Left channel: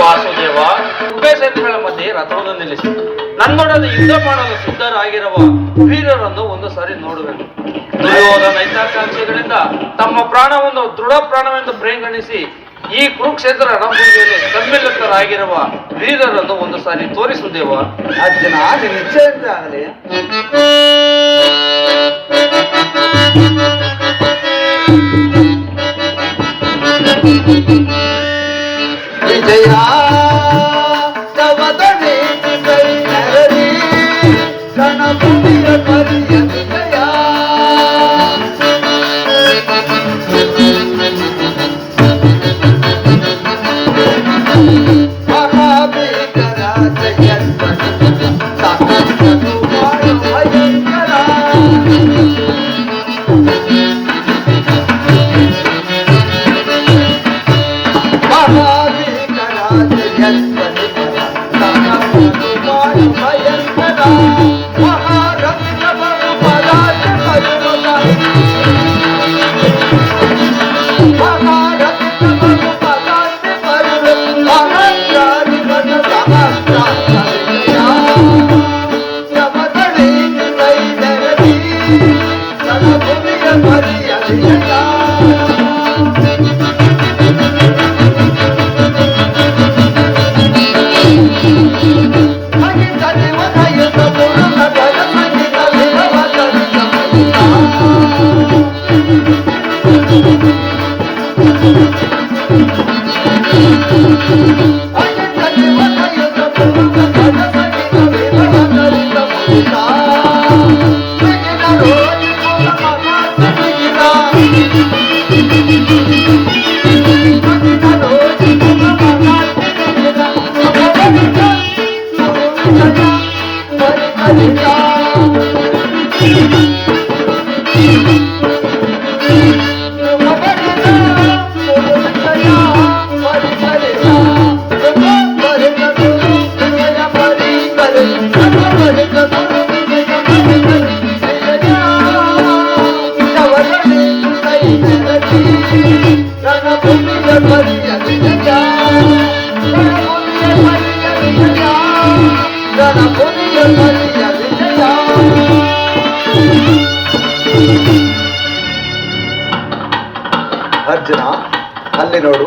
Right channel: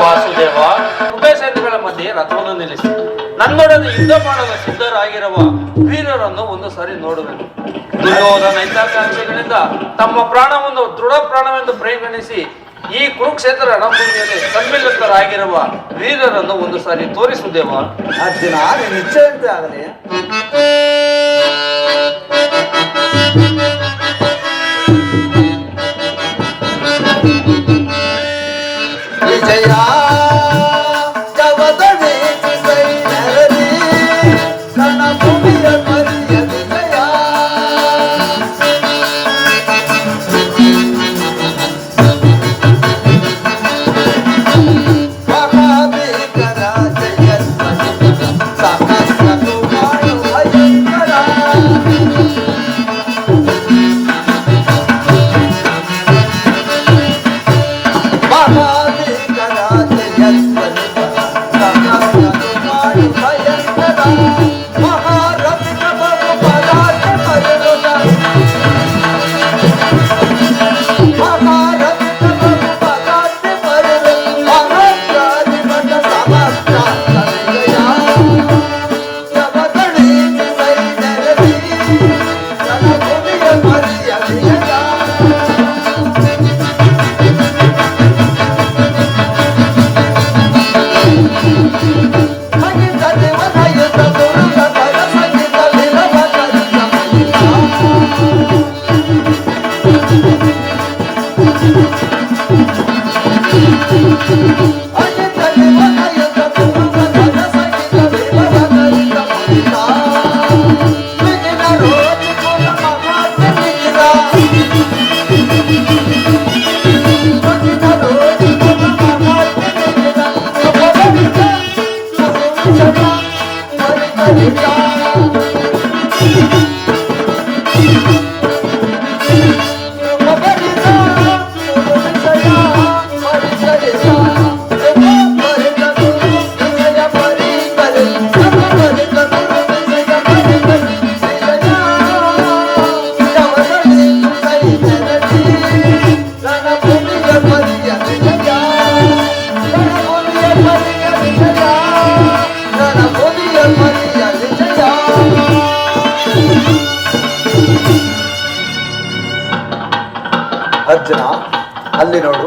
ವಾಸುದೇವ, ಉಭಯ ಸೈನ್ಯಗಳ ಮಧ್ಯೆ ರಥವನ್ನು ನಿಲ್ಲಿಸಿ ನನ್ನೊಡನೆ ಯುದ್ಧ ಮಾಡಲು ಸಿದ್ಧರಾಗಿರುವ ವೀರರನ್ನು ಒಂದು ಸಾರಿ ನೋಡುವೆನು. ದುರ್ಯೋಧನ ಹಿತಾಕಾಂಕ್ಷಿಗಳಿಂದ ತಮ್ಮ ಪ್ರಾಣವನ್ನು ದೃಢ ಪ್ರಾಣವೆಂದು ಪರಿಗಣಿಸಿ ಈ ಕುರುಕ್ಷೇತ್ರ ರಣಭೂಮಿಯಲ್ಲಿ ಸಮ್ಮಿಲಿತರಾಗಿರುವ ವೀರರನ್ನು ಒಂದು ಸಾರಿ ತೋರಿಸುದೇವ. ಅರ್ಜುನ, ನಿಶ್ಚಯಂತೆ ಆಗಲಿ. ವಿಜಯ ಅರ್ಜುನ, ಅಲ್ಲಿ ನೋಡು.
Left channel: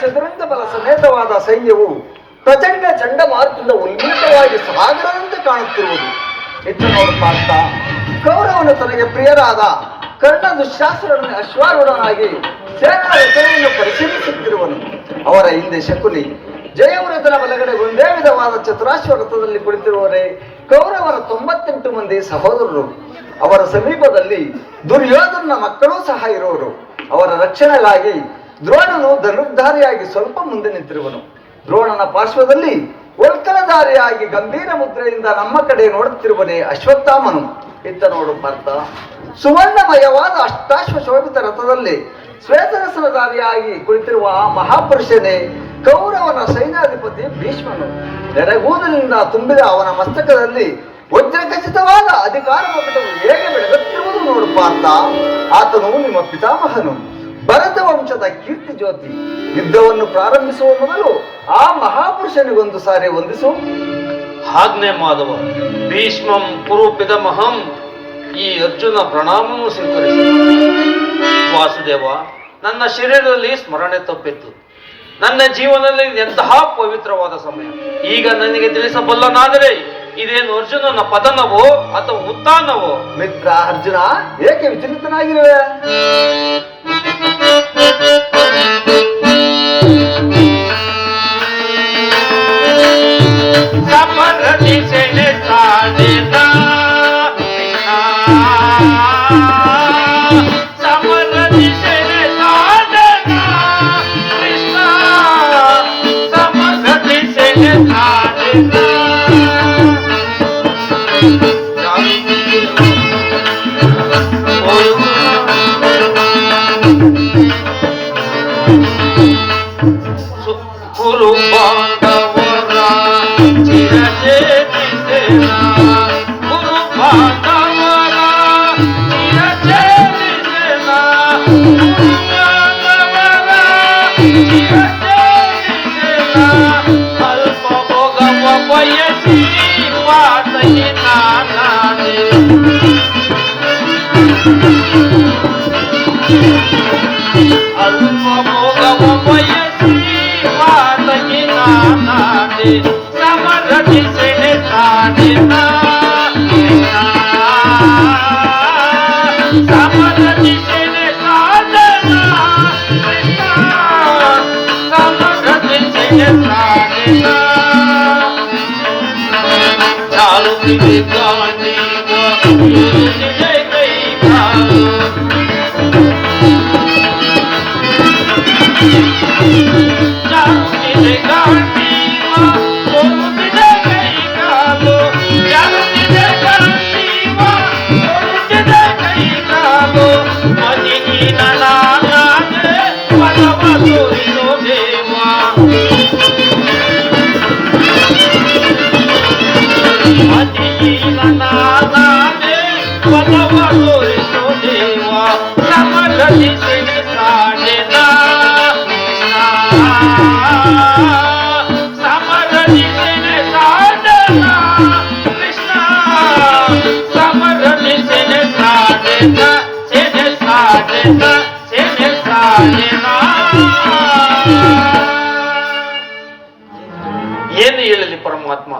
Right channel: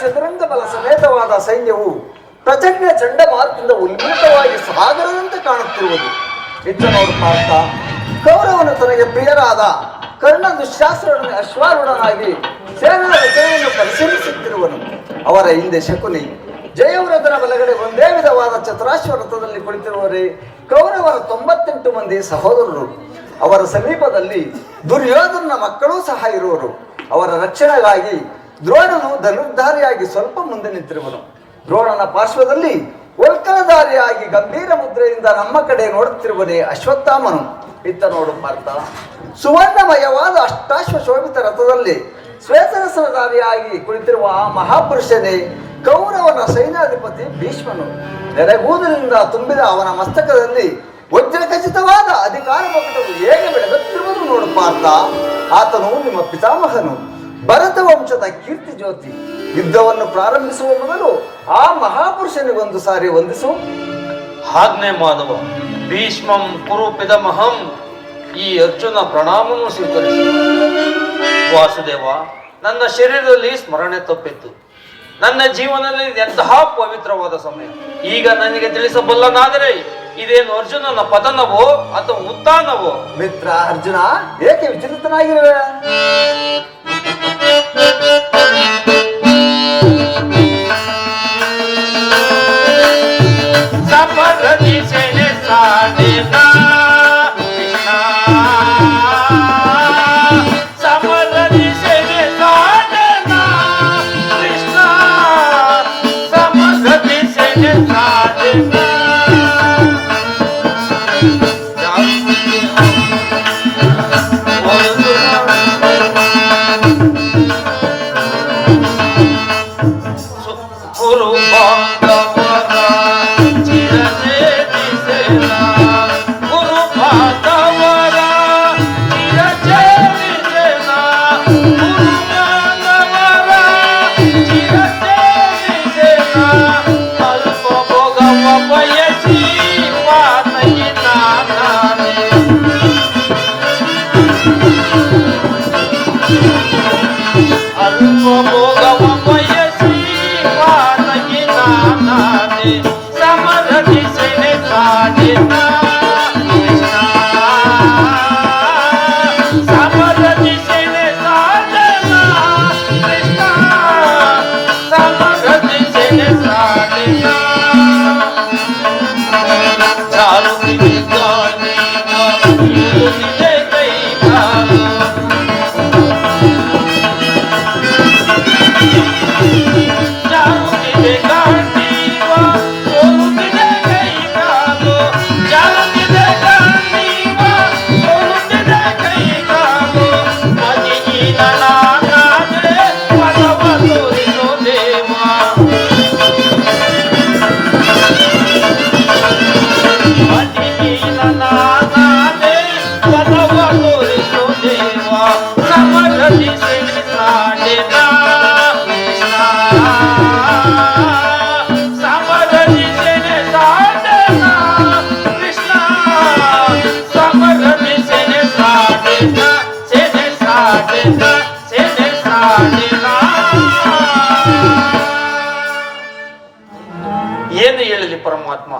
ಚದುರಂಗ ಬಲ ಸಮೇತವಾದ ಸೈನ್ಯವು ಪ್ರಚಂಡ ಚಂಡಮಾರುತದಿಂದ ಉಲ್ಬೀತವಾಗಿ ಸಾಗರದಂತೆ ಕಾಣುತ್ತಿರುವುದು. ಹೆಚ್ಚು ನೋಡು ಪಾರ್ಥ, ಕೌರವನು ತನಗೆ ಪ್ರಿಯರಾದ ಕರ್ಣ ದುಶ್ಯಾಸನನ್ನು ಅಶ್ವಾರೂಢನಾಗಿ ಸೇನಾ ರಚನೆಯನ್ನು ಪರಿಶೀಲಿಸುತ್ತಿರುವನು. ಅವರ ಹಿಂದೆ ಶಕುನಿ, ಜಯವ್ರತನ ಬಲಗಡೆ ಒಂದೇ ವಿಧವಾದ ಚತುರಾಶ್ವ ರಥದಲ್ಲಿ ಕುಳಿತಿರುವವರೇ ಕೌರವರ 98 ಮಂದಿ ಸಹೋದರರು. ಅವರ ಸಮೀಪದಲ್ಲಿ ದುರ್ಯೋಧನ ಮಕ್ಕಳೂ ಸಹ ಇರುವರು. ಅವರ ರಕ್ಷಣೆಗಾಗಿ ದ್ರೋಣನು ಧನುರ್ಧಾರಿಯಾಗಿ ಸ್ವಲ್ಪ ಮುಂದೆ ನಿಂತಿರುವನು. ದ್ರೋಣನ ಪಾರ್ಶ್ವದಲ್ಲಿ ಒಲ್ಕಲಧಾರಿಯಾಗಿ ಗಂಭೀರ ಮುದ್ರೆಯಿಂದ ನಮ್ಮ ಕಡೆ ನೋಡುತ್ತಿರುವನೇ ಅಶ್ವತ್ಥಾಮನು. ಇತ್ತ ನೋಡು ಪಾರ್ಥ, ಸುವರ್ಣಮಯವಾದ ಅಷ್ಟಾಶ್ವ ಶೋಭಿತ ರಥದಲ್ಲಿ ಶ್ವೇತರಸನಧಾರಿಯಾಗಿ ಕುಳಿತಿರುವ ಮಹಾಪುರುಷನೇ ಕೌರವನ ಸೈನ್ಯಾಧಿಪತಿ ಭೀಷ್ಮನು. ನೆರೆಗೂದಲಿನಿಂದ ತುಂಬಿದ ಅವನ ಮಸ್ತಕದಲ್ಲಿ ವಜ್ರಖಚಿತವಾದ ಅಧಿಕಾರ ಪಕಟವು ಹೇಗೆ ಬೆಳಗುತ್ತಿರುವುದು ನೋಡು ಪಾರ್ಥ. ಆತನು ನಿಮ್ಮ ಪಿತಾಮಹನು, ಭರತ ವಂಶದ ಕೀರ್ತಿ ಜ್ಯೋತಿ. ಯುದ್ಧವನ್ನು ಪ್ರಾರಂಭಿಸುವ ಮೊದಲು ಆ ಮಹಾಪುರುಷನಿಗೊಂದು ಸಾರಿ ವಂದಿಸು. ಆಜ್ಞೆ ಮಾಧವ. ಭೀಷ್ಮಂ ಕುರು ಪಿತಾಮಹಂ. ಈ ಅರ್ಜುನ ಪ್ರಣಾಮವನ್ನು ಸ್ವೀಕರಿಸಿ. ವಾಸುದೇವ, ನನ್ನ ಶರೀರದಲ್ಲಿ ಸ್ಮರಣೆ ತಪ್ಪಿತ್ತು. ನನ್ನ ಜೀವನದಲ್ಲಿ ಎಂತಹ ಪವಿತ್ರವಾದ ಸಮಯ. ಈಗ ನನಗೆ ತಿಳಿಸಬಲ್ಲನಾದರೆ ಇದೇನು ಅರ್ಜುನನ ಪತನವೋ ಅಥವಾ ಉತ್ಥಾನವೋ? ಮಿತ್ರ ಅರ್ಜುನ, ಏಕೆ ವಿಚಲಿತನಾಗಿರುವೆ? ಏನು ಹೇಳಲಿ ಪರಮಾತ್ಮ,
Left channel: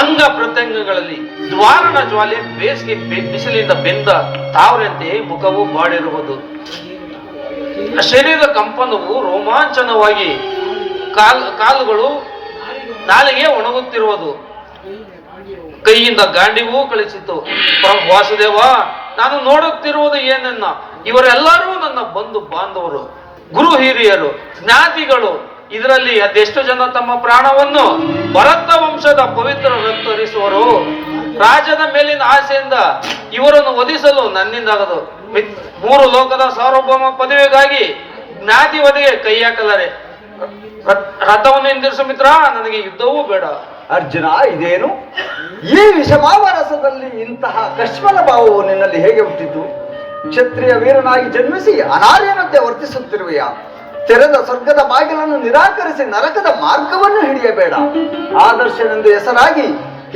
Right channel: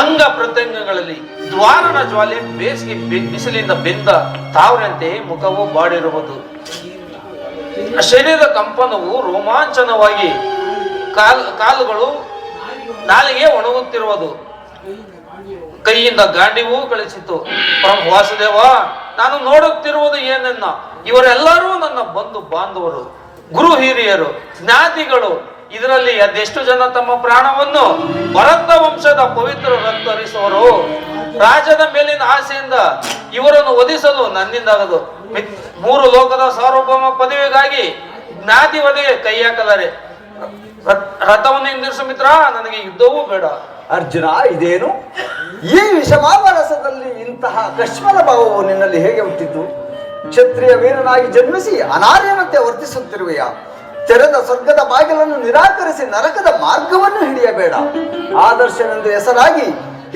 ಅಂಗ ಪ್ರತ್ಯಂಗಗಳಲ್ಲಿ ದ್ವಾರಣ ಜ್ವಾಲೆ ಬೇಸಿಗೆ ಬಿಸಿಲಿಂದ ಬೆಂದ ತಾವರಂತೆ ಮುಖವು ಬಾಡಿರುವುದು, ಶರೀರದ ಕಂಪನವು ರೋಮಾಂಚನವಾಗಿ ಕಾಲುಗಳು ನಾಲಿಗೆ ಒಣಗುತ್ತಿರುವುದು, ಕೈಯಿಂದ ಗಾಂಡಿವೂ ಕಳಿಸಿತು. ವಾಸುದೇವ, ನಾನು ನೋಡುತ್ತಿರುವುದು ಏನನ್ನ, ಇವರೆಲ್ಲರೂ ನನ್ನ ಬಂಧು ಬಾಂಧವರು, ಗುರು ಹಿರಿಯರು, ಜ್ಞಾತಿಗಳು. ಇದರಲ್ಲಿ ಅದೆಷ್ಟು ಜನ ತಮ್ಮ ಪ್ರಾಣವನ್ನು ಭರತ ವಂಶದ ಪವಿತ್ರ ರಕ್ತರಿಸುವರು. ರಾಜನ ಮೇಲಿನ ಆಸೆಯಿಂದ ಇವರನ್ನು ವಧಿಸಲು ನನ್ನಿಂದಾಗದು. 3 ಲೋಕದ ಸಾರ್ವಭೌಮ ಪದವಿಗಾಗಿ ಜ್ಞಾತಿ ವಧೆಗೆ ಕೈ ಹಾಕಲಾರೆ. ರಥವನ್ನು ಹಿಂದಿರಿಸು ಮಿತ್ರ, ನನಗೆ ಯುದ್ಧವೂ ಬೇಡ. ಅರ್ಜುನ, ಇದೇನು ಈ ವಿಷಮಾವರಸದಲ್ಲಿ ಇಂತಹ ಕಶ್ಮಲ ಭಾವವು ನಿನ್ನಲ್ಲಿ ಹೇಗೆ ಹುಟ್ಟಿತು? ಕ್ಷತ್ರಿಯ ವೀರನಾಗಿ ಜನ್ಮಿಸಿ ಅನಾರ್ಯನಂತೆ ವರ್ತಿಸುತ್ತಿರುವೆಯ. ತೆರೆದ ಸ್ವರ್ಗದ ಬಾಗಿಲನ್ನು ನಿರಾಕರಿಸಿ ನರಕದ ಮಾರ್ಗವನ್ನು ಹಿಡಿಯಬೇಡ. ಆದರ್ಶನೆಂದು ಹೆಸರಾಗಿ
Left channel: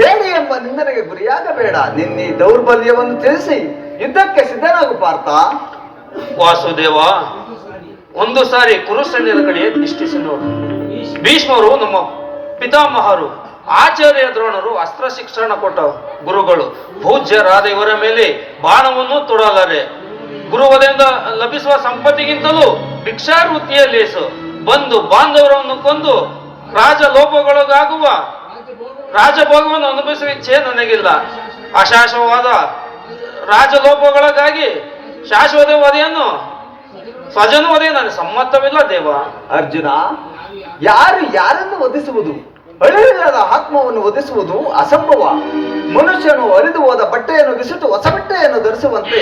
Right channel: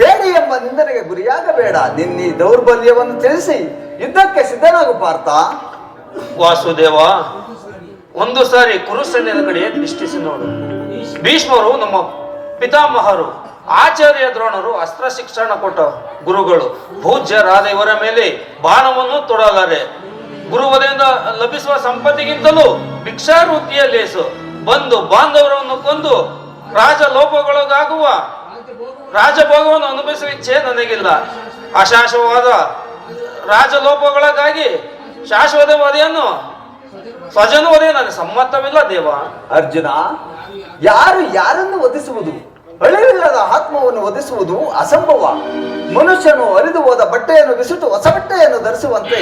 ಹೇಳಿ ಎಂಬ ನಿಂದನೆಗೆ ಗುರಿಯಾಗಬೇಡ. ನಿನ್ನೆ ದೌರ್ಬಲ್ಯವನ್ನು ತಿಳಿಸಿ ಯುದ್ಧಕ್ಕೆ ಸಿದ್ಧನಾಗು ಪಾರ್ಥ. ವಾಸುದೇವ, ಒಂದು ಸಾರಿ ಕುರುಸೈನ್ಯದ ಕಡೆ ದೃಷ್ಟಿಸಿ ನೋಡು. ಭೀಷ್ಮರು ನಮ್ಮ ಪಿತಾಮಹರು, ಆಚಾರ್ಯ ದ್ರೋಣರು ಅಸ್ತ್ರ ಶಿಕ್ಷಣ ಕೊಟ್ಟ ಗುರುಗಳು. ಪೂಜ್ಯರಾದ ಇವರ ಮೇಲೆ ಬಾಣವನ್ನು ತೊಡಲಾರೆ. ಗುರುವದೆಯಿಂದ ಲಭಿಸುವ ಸಂಪತ್ತಿಗಿಂತಲೂ ಭಿಕ್ಷಾವೃತ್ತಿಯ ಲೇಸು. ಬಂದು ಬಾಂಧವರನ್ನು ಕೊಂದು ರಾಜಭೋಗವನ್ನು ಅನುಭವಿಸುವ ಇಚ್ಛೆ ನನಗಿಲ್ಲ. ಅಶಾಶ್ವವಾದ ರಾಜಲೋಪಗಳಿಗಾಗಿ ಶಾಶ್ವತ ವಧೆಯನ್ನು ಸ್ವಜನ ವಧೆಯು ನನಗೆ ಸಮ್ಮತವಿಲ್ಲ ದೇವ. ಅರ್ಜುನ, ಯಾರು ಯಾರನ್ನು ವಧಿಸುವುದು? ಅಳಿವಿಲ್ಲದ ಆತ್ಮವನ್ನು ವಧಿಸುವುದು ಅಸಂಭವ. ಮನುಷ್ಯನು ಅರಿದು ಹೋದ ಬಟ್ಟೆಯನ್ನು ಬಿಸಿಟು ಹೊಸ ಬಟ್ಟೆಯನ್ನು ಧರಿಸುವಂತೆ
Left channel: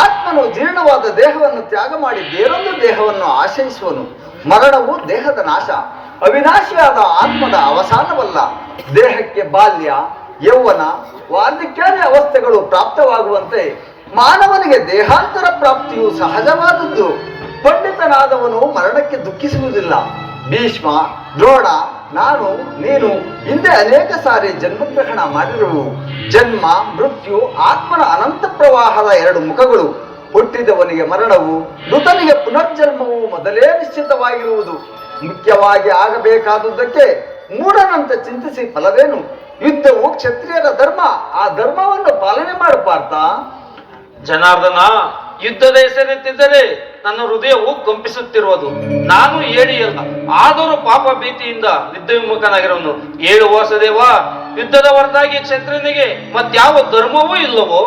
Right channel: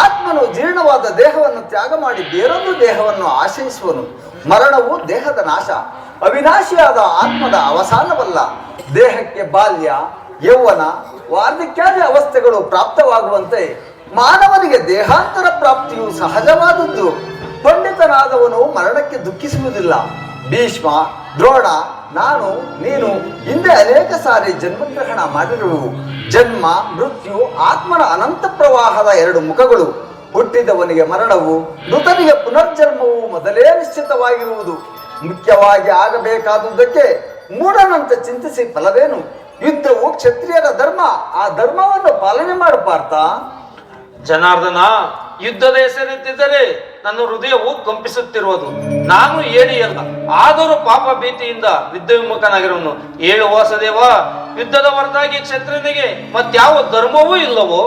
ಆತ್ಮನು ಜೀರ್ಣವಾದ ದೇಹವನ್ನು ತ್ಯಾಗ ಮಾಡಿ ಬೇರೊಂದು ದೇಹವನ್ನು ಆಶ್ರಯಿಸುವನು. ಮರಣವು ದೇಹದ ನಾಶ, ಅವಿನಾಶಿಯಾದ ಆತ್ಮದ ಅವಸಾನವಲ್ಲ. ದೇಹಕ್ಕೆ ಬಾಲ್ಯ, ಯೌವನ, ವಾರ್ಧಕ್ಯಾದಿ ಅವಸ್ಥೆಗಳು ಪ್ರಾಪ್ತವಾಗುವಂತೆ ಮಾನವನಿಗೆ ದೇಹಾಂತರ ಪ್ರಾಪ್ತಿಯು ಸಹಜವಾದದ್ದು. ಪಂಡಿತನಾದವನು ಮರಣಕ್ಕೆ ದುಃಖಿಸುವುದಿಲ್ಲ. ಭೀಷ್ಮ, ದ್ರೋಣ, ನಾನು, ನೀನು ಹಿಂದೆ ಅನೇಕ ಸಾರಿ ಜನ್ಮಗ್ರಹಣ ಮಾಡಿರುವು. ಜನ್ಮ, ಮೃತ್ಯು, ಆತ್ಮನ ಅನಂತ ಪ್ರವಾಹದ 2 ಮುಖಗಳು. ಹುಟ್ಟಿದವನಿಗೆ ಮರಣವು, ಮೃತನಿಗೆ ಪುನರ್ಜನ್ಮವು ಮೊದಲೇ ನಿಶ್ಚಿತವಾಗಿರುವುದು. ಮುಖ್ಯವಾಗಿ ಆಗಬೇಕಾದುದಕ್ಕೆ ಮೂಢನಂತೆ ಚಿಂತಿಸಿ ಫಲವೇನು? ಯುದ್ಧವು ಕ್ಷತ್ರಿಯರ ಧರ್ಮ. ಆ ಧರ್ಮವನ್ನು ಪಾಲನೆ ಮಾಡು ಪಾರ್ಥ. ಜನಾರ್ದನ, ಯುದ್ಧದ ಹೆಸರೆತ್ತಿದ್ದರೆ ನನ್ನ ಹೃದಯವು ಕಂಪಿಸುತ್ತಿರುವುದು. ನಾನು ಏಡಿಯಲ್ಲ, ಆದರೂ ಪಾಪ ಭೀತಿಯಿಂದ ಯುದ್ಧ ವಿಮುಖನಾಗಿರುವನು. 7 ವಾಸುದೇವ, ಯುದ್ಧದ ಹೊರತಾಗಿ ಕ್ಷತ್ರಿಯನಿಗೆ ಮತ್ಯಾವ ಧರ್ಮವೂ ಇಲ್ಲವೋ?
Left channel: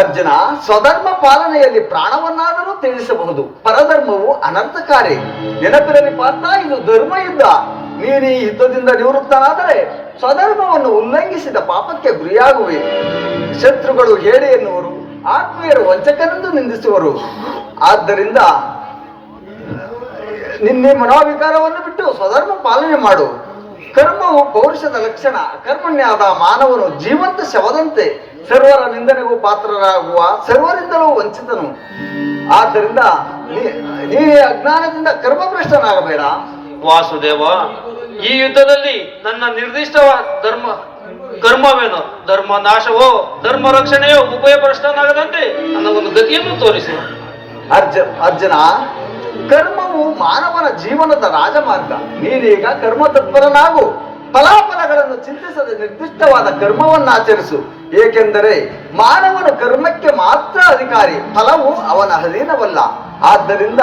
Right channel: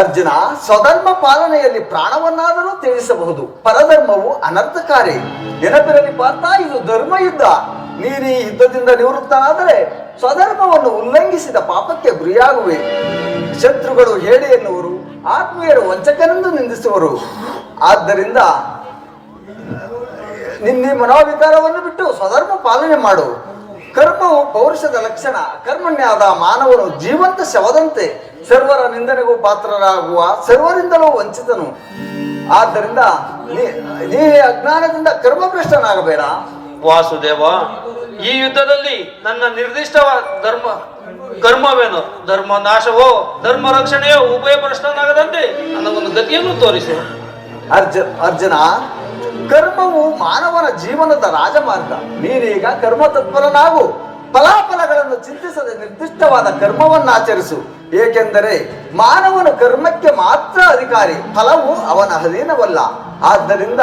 ಅರ್ಜುನ, ಸ್ವಧರ್ಮ ಪಾಲನೆಯಲ್ಲಿ ಪ್ರಾಣವನ್ನಾದರೂ ತ್ಯಜಿಸಬಹುದು. ಪರಧರ್ಮವು ಅನರ್ಥಕಾರಿ. ನೆನಪಿರಲಿ ಪಾರ್ಥ, ಇದು ಧರ್ಮ ಯುದ್ಧ. ನೀನು ಈ ಯುದ್ಧದಿಂದ ನಿವೃತ್ತನಾದರೆ ಸ್ವಧರ್ಮವನ್ನು ಉಲ್ಲಂಘಿಸಿದ ಪಾಪಕ್ಕೆ ಗುರಿಯಾಗುವೆ. ಶತ್ರುಗಳು ಹೇಳಿ ಎನ್ನುವರು, ಆತ್ಮೀಯರು ವಂಚಕನೆಂದು ನಿಂದಿಸುವರು. ಆದ್ದರಿಂದ ನಿನ್ನೆ ಮನೋವಿಕಾರವನ್ನು ಬಿಟ್ಟು ಸ್ವಧರ್ಮ ಪಾಲನೆ ಮಾಡು. ಕರ್ಮವು ಪೌರುಷದ ಲಕ್ಷಣ. ಕರ್ಮಣ್ಯಾದ ಮಾನವನು ಜೀವಂತ ಶವದಂತೆ, ಸರ್ವರ ನಿಂದನೆಗೂ ಪಾತ್ರರಾಗುವ, ಸರ್ವರಿಂದಲೂ ವಂಚಿತನು. ಆದ್ದರಿಂದ ನೀ ಅಜ್ಞಾನದಿಂದ ಕರ್ಮಭ್ರಷ್ಟನಾಗಬೇಡ. ವಾಸುದೇವ, ಈ ಯುದ್ಧದಲ್ಲಿ ನನ್ನ ನಿರ್ದಿಷ್ಟ ಕರ್ಮವೇನು? ಧರ್ಮ ನಾಶವೋ ಧರ್ಮ ರಕ್ಷಣೆಯೋ ಉಭಯ ಭ್ರಷ್ಟನಾಗದಂತೆ ನನ್ನ ಒಂದು ಗತಿಯನ್ನು ತೋರಿಸಿ. ಅರ್ಜುನ, ಕರ್ಮವು ಮಾನವನ ಜೀವನದ ರಾಜಮಾರ್ಗ. ನೀನೀಗ ಕರ್ಮ ತತ್ಪರನಾಗು. ಫಲಾಫಲಗಳನ್ನು ಚಿಂತಿಸದೆ ನಿರ್ದಿಷ್ಟವಾದ ಕರ್ಮವನ್ನು ಆಚರಿಸು. ಏಕೆಂದರೆ ಮಾನವನು ಕರ್ಮಕ್ಕೆ ಮಾತ್ರ ಅಧಿಕಾರಿ, ಫಲವು ಅವನ ಅಧೀನವಲ್ಲ. ಆದ್ದರಿಂದ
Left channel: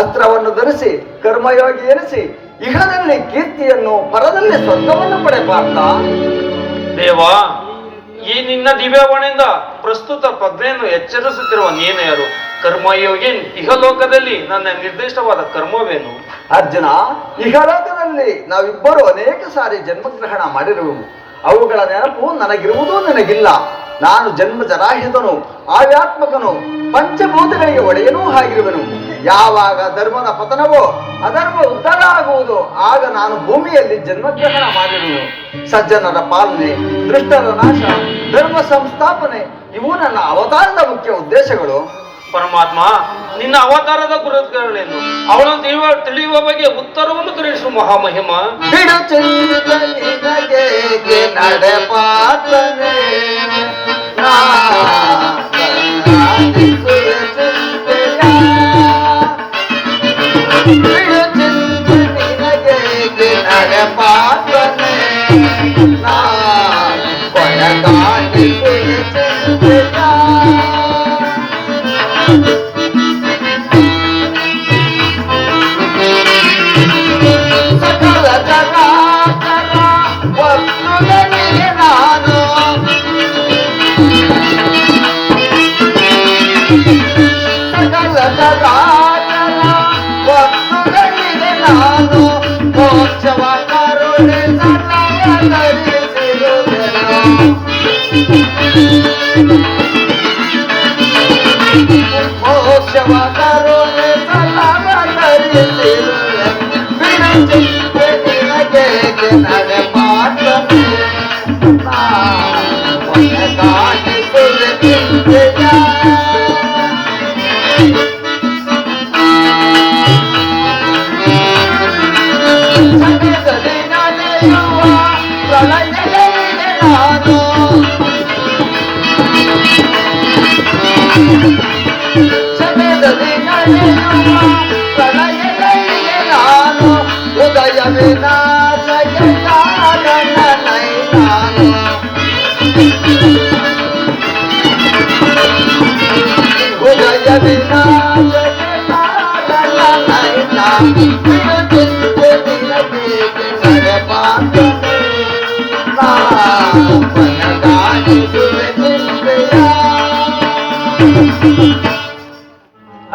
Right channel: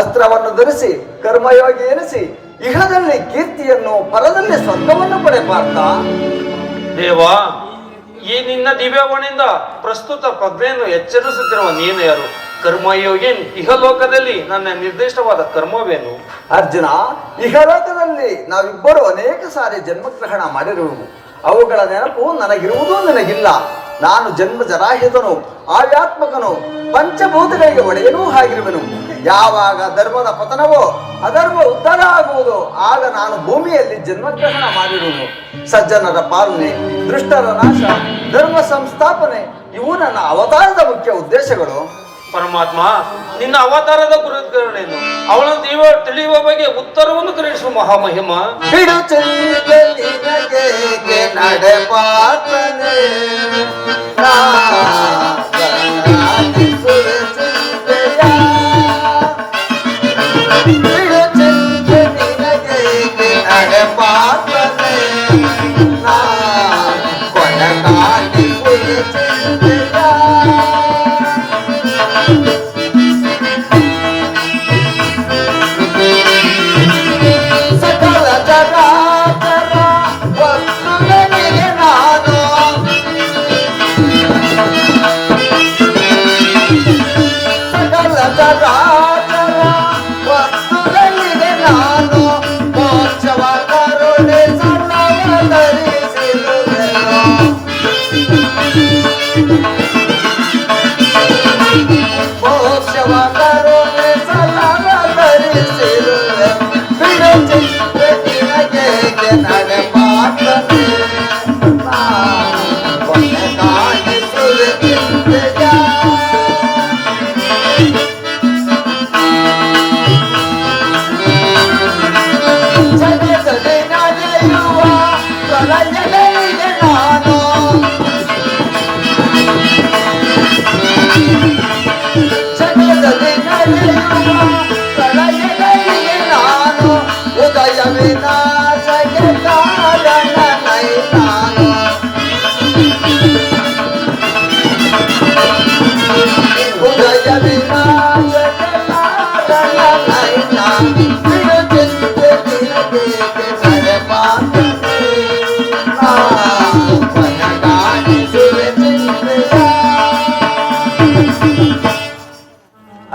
ಅಸ್ತ್ರವನ್ನು ಧರಿಸಿ ಕರ್ಮಯೋಗಿ ಎನಿಸಿ ಇಹದಲ್ಲಿ ಕೀರ್ತಿಯನ್ನು, ಪರದಲ್ಲಿ ಸ್ವರ್ಗವನ್ನು ಪಡೆಪಾರ್ಥ. ದೇವಾ, ಈ ನಿನ್ನ ದಿವ್ಯವಾಣಿಯಿಂದ ಪ್ರಸ್ತುತ ಪ್ರಜ್ಞೆಯನ್ನು ಎಚ್ಚರಿಸುತ್ತಿರುವ ನೀನು ಯಾರು? ಕರ್ಮಯೋಗಿ ಇಹಲೋಕದಲ್ಲಿ ನನ್ನ ನಿರ್ದಿಷ್ಟವಾದ ಕರ್ಮವೇನು? ಅರ್ಜುನ, ಇಹಲೋಕದಲ್ಲಿ ನಾವಿಬ್ಬರು ಅನೇಕ ಸಾರಿ ಜನ್ಮಗ್ರಹಣ ಮಾಡಿರುವುದು. ಅವುಗಳ ನೆನಪು ನನಗಿರುವುದೂ ನಿನಗಿಲ್ಲ. ನಾನು ಜನ್ಮ ಜರಾಹಿತನು, ಆವ್ಯಾತ್ಮಕನು, ಪಂಚಭೂತಗಳಿಗೆ ಒಡೆಯನೂ ಆಗಿರುವೆನು. ಯಾವಾಗ ಧರ್ಮದ ಪತನವೋ ಅಧರ್ಮ ಉದ್ಧಾರ ಆಗುವುದು, ಆಗ ನಾನು ಭೂಮಿಯಲ್ಲಿ ಜನ್ಮಗ್ರಹಣ ಮಾಡಿರುವೆನು. ಸಜ್ಜನರ ಪಾಲನೆ, ದುಷ್ಟರ ನಾಶ, ಧರ್ಮ ಸಂಸ್ಥಾಪನೆ ಇವು ನನ್ನ ಅವತಾರದ ಮುಖ್ಯ ಉದ್ದೇಶಗಳು. ಪರಮಾತ್ಮ, ನಿನ್ನ ಅವತಾರದ ಗುರುಗಳೇನು? ಅವಳನ್ನು ತಿಳಿಯುವ ಬಗ್ಗೆ ಉತ್ತರವನ್ನು ಗ್ರಹಿಸು ಮಹಾಮಹಿಮ. ಬಿಡು ಚಂದ್ರನಿಗೆ ನಡೆಪಾತನೆ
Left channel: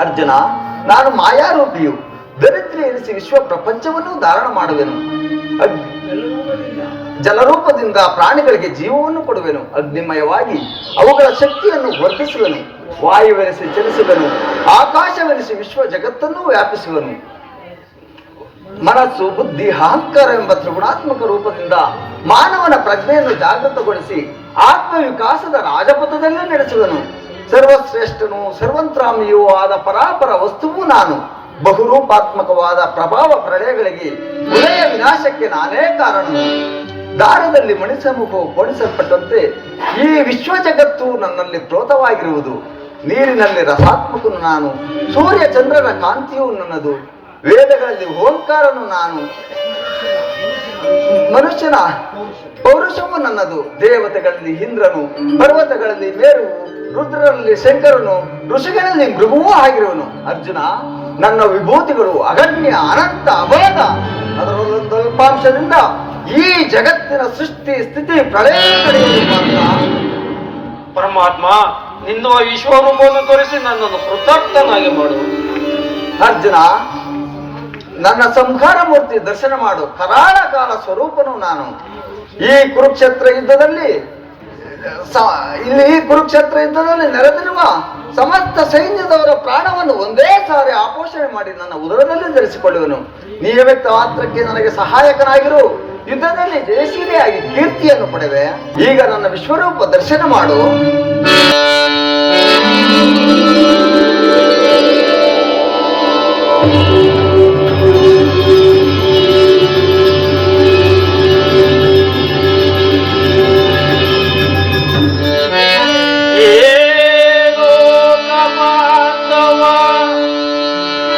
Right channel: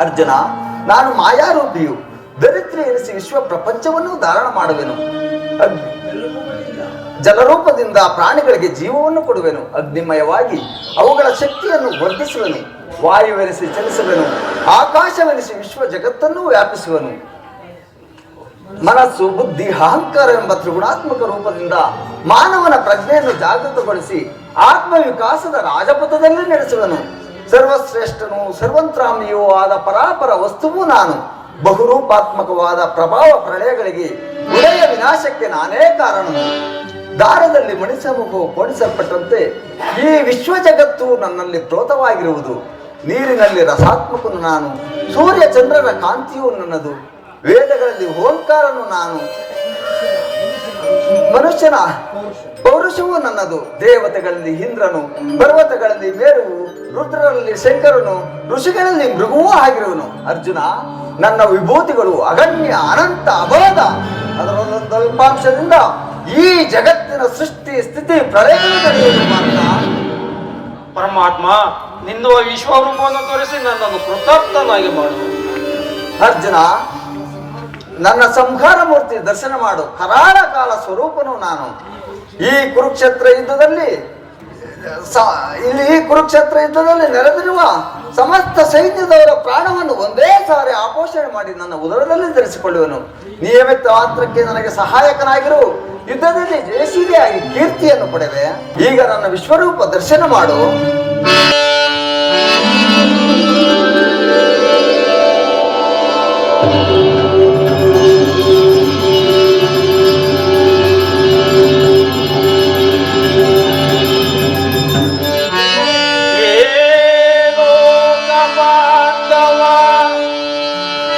ಅರ್ಜುನ, ನಾನು ಮಾಯಾರೂಪಿಯು, ದರಿದ್ರಿ ಎನಿಸಿ ವಿಶ್ವ ಪ್ರಪಂಚವನ್ನು ಧಾರಣ ಮಾಡುವೆನು. ಜಲರೂಪದಿಂದ ಪ್ರಾಣಿಗಳಿಗೆ ಜೀವವನ್ನು ಕೊಡುವೆನು. ಅಗ್ನಿಮಯವಾಗಿ ಅವುಗಳ ಶಕ್ತಿಯನ್ನು ವರ್ಧಿಸುವೆನು. ವಾಯುವೆನಿಸಿ ಚಲಿಸುವೆನು. ಆಕಾಶವೆನಿಸಿ ವಿಶ್ವ ಜಗತ್ತನ್ನು ವ್ಯಾಪಿಸುವೆನು. ಮನಸ್ಸು, ಬುದ್ಧಿ, ಅಹಂಕಾರ ಎಂಬ ತ್ರಿಗುಣಾತ್ಮಕ ರೂಪದಿಂದ ಮಾನವನ ಪ್ರಜ್ಞೆಯನ್ನು ಜಾಗೃತಗೊಳಿಸಿ ಆತ್ಮವಿಕಾಸದ ರಾಜಪಥದಲ್ಲಿ ನಡೆಸುವನು. ಸರ್ವಶ್ರೇಷ್ಠನು, ಸರ್ವಂತ್ರಾಮಿಯೂ ಆದ ಪರಾಪರ ವಸ್ತುವು ನಾನು. ಬಹುರೂಪಾತ್ಮಕವಾದ ಪ್ರಭಾವ ಪ್ರಳಯಗಳಿಗೆ, ಉದಯ ವಿನಾಶಕ್ಕೆ ನಾನೇ ಕಾರಣನು. ದಾರದಲ್ಲಿ ಮಣಿಸಮೂಹವು ಕೋಣಿಸಲ್ಪಟ್ಟಂತೆ ಈ ವಿಶ್ವ ಜಗತ್ತು ನನ್ನಲ್ಲಿ ಪ್ರೋತವಾಗಿರುವುದು. ನೀರಿನಲ್ಲಿ ರಸಾತ್ಮಕನು ನಾನು. ಸೂರ್ಯ ಚಂದ್ರನ ಕಾಂತಿಯು ನನ್ನದು. ವೇದಗಳಲ್ಲಿ ಓಂಕಾರನು ನಾನು. ಮನುಷ್ಯನ ಪೌರುಷವು ನನ್ನದು. ದೇವತೆಗಳಲ್ಲಿ ಇಂದ್ರನು, ಪರ್ವತಗಳಲ್ಲಿ ಮೇರುವು, ರುದ್ರರಲ್ಲಿ ಶಂಕರನು, ಋಷಿಗಳಲ್ಲಿ ಮೃಗುವೂ ಆಗಿರುವನು. ಅರ್ಜುನ, ನನ್ನ ವಿಭೂತಿಗಳು ಅಗಣ್ಯ, ಅನಂತ, ಅಬೋಧ. ಅದರಲ್ಲೊಂದು ಅಲ್ಪಾಂಶದಿಂದ ಈ ಜಗತ್ತಿನ ಸೃಷ್ಟಿ, ಸ್ಥಿತಿ, ಪ್ರಳಯ ಪರಮಾತ್ಮ, ನಿನ್ನ ವಿಶ್ವರೂಪವನ್ನು ತೋರಿಸಿ ನನ್ನನ್ನು ಕೃತಾರ್ಥನಾಗಿ ಮಾಡು. ಅರ್ಜುನ, ನನ್ನ ಸಂಹಾರ ಮೂರ್ತಿ ದರ್ಶನ ಮಾಡು. ಕರಾಳ ಕಾಲ ಸ್ವರೂಪನು ನಾನು. ಈ ಕುರುಕ್ಷೇತ್ರ ಯುದ್ಧದಲ್ಲಿ ನೆರೆದಿರುವ ಸಮಸ್ತ ಸೈನ್ಯದವರ ಪ್ರಾಣವನ್ನು ಒಂದೇ ಸಾರಿ ಆಪೋಷಣೆ ಮಾಡಿ ನನ್ನ ಉದರದಲ್ಲಿ ಧರಿಸಿಕೊಳ್ಳುವನು. ನಿಯಮಿತ ಮಾತ್ರಕ್ಕೆ ನನಗೆ ಸಹಾಯಕನಾಗಿರು. ಯುದ್ಧದಲ್ಲಿ ಜಯಶೀಲಿಯಾಗಿ ಕೀರ್ತಿಯನ್ನು ಪಡೆದೆ. ಈಗ ನನ್ನ ವಿಶ್ವರೂಪ ದರ್ಶನ ಮಾಡು.